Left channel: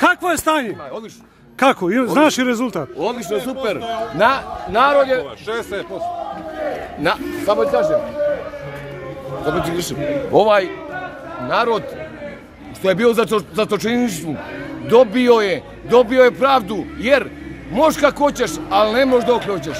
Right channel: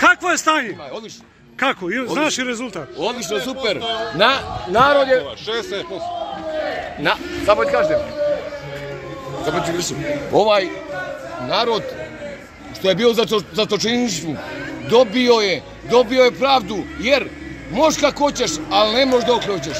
Kakvo je stanje? Odlično. Kako? Znaš i rezultat? Odlično, super. Narod je... 60%. Samo ti kažem. Ovaj narod što je bio za zatočeništvu dobio je pravdu, jer možeš kako hoćeš, ali ne možeš dok hoćeš.